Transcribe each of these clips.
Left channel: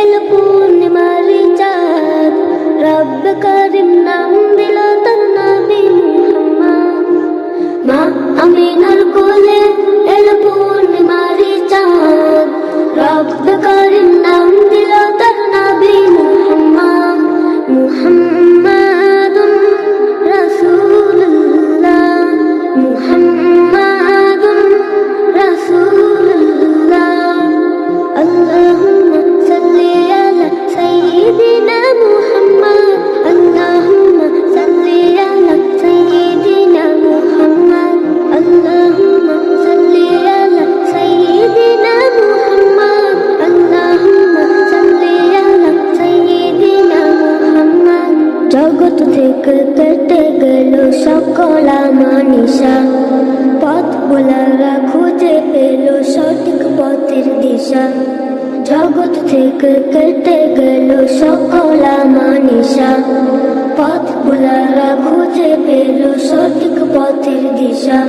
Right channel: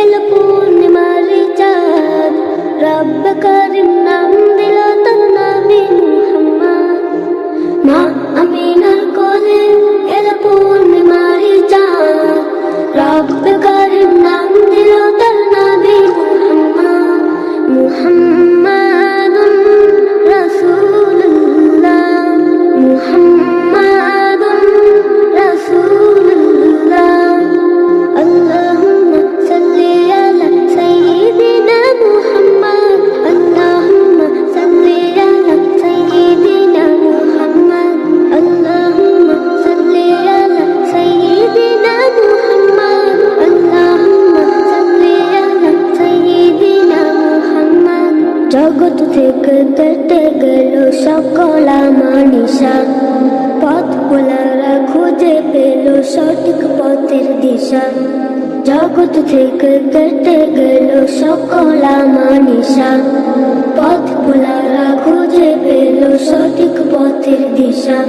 এলো পূর্ণিমারি চাঁদ। রব করিম নাম দিল তার নবী মুহাম্মদ। মা আমিনার কোলে এলো পূর্ণিমারি চাঁদ। রব করিম নাম দিল তার নবী মুহাম্মদ। মুহাম্মাদুন রাসূলুল্লাহ। মুহাম্মাদুন রাসূলুল্লাহ। আল্লাহ জগৎ থেকে কেটে গেল সকল মানিসা পথ বলারা খুঁজে পেল সঠিক পথের দিশা। জগৎ থেকে কেটে গেল সকল মানিসা পথ বলারা খুঁজে পেল সঠিক পথের দিশা।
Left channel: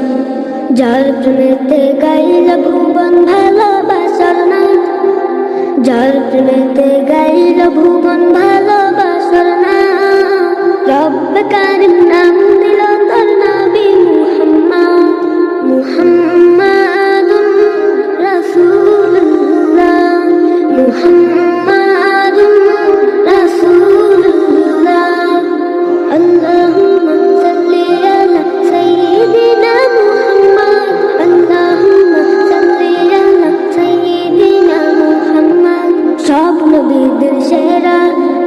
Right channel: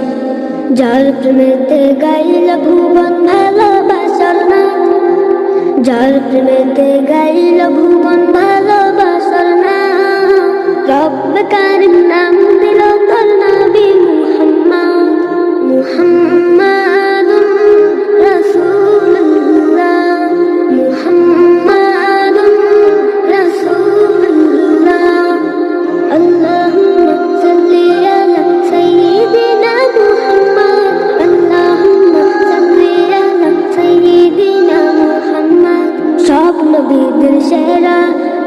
যার প্রেমেতে গাইল ভুবন ভালোবাসার নাথ। যার প্রেমেতে গাইল ভুবন ভালোবাসার না রব্ব কারিম নাম দিল তোর নবী মুহাম্মদ মুহাম্মাদুন রাসূলুল্লাহ মুহাম্মাদুন রাসূলুল্লাহ আল্লাহুম্মা সাল্লি আলা সাইয়্যিদিনা মুহাম্মদ আল্লাহুম্মা সাল্লি আলা সাইয়্যিদিনা মুহাম্মদ সব নবীদের সেরা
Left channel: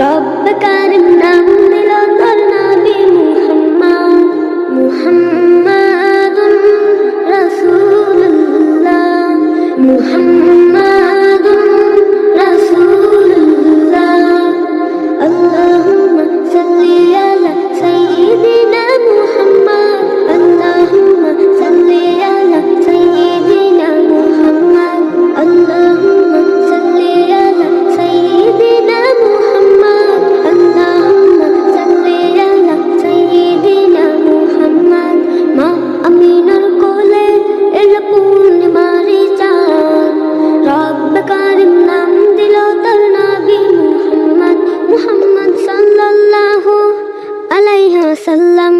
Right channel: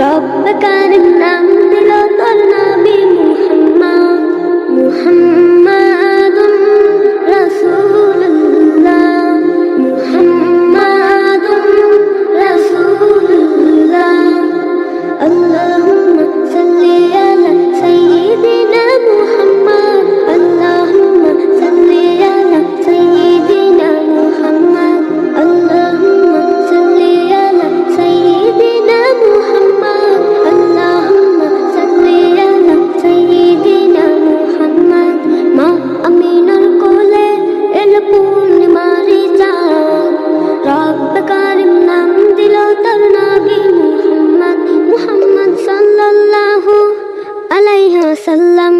রব্ব কারিম নাম দিল তোর নবী মুহাম্মদ মুহাম্মাদুন রাসূলুল্লাহ মুহাম্মাদুন এল পূর্ণিমারি চাঁদ কারিম নাম দিল তার নাবি মুহাম্মদ মুহাম্মদ সাল্লাল্লাহু আলাইহি ওয়াসাল্লাম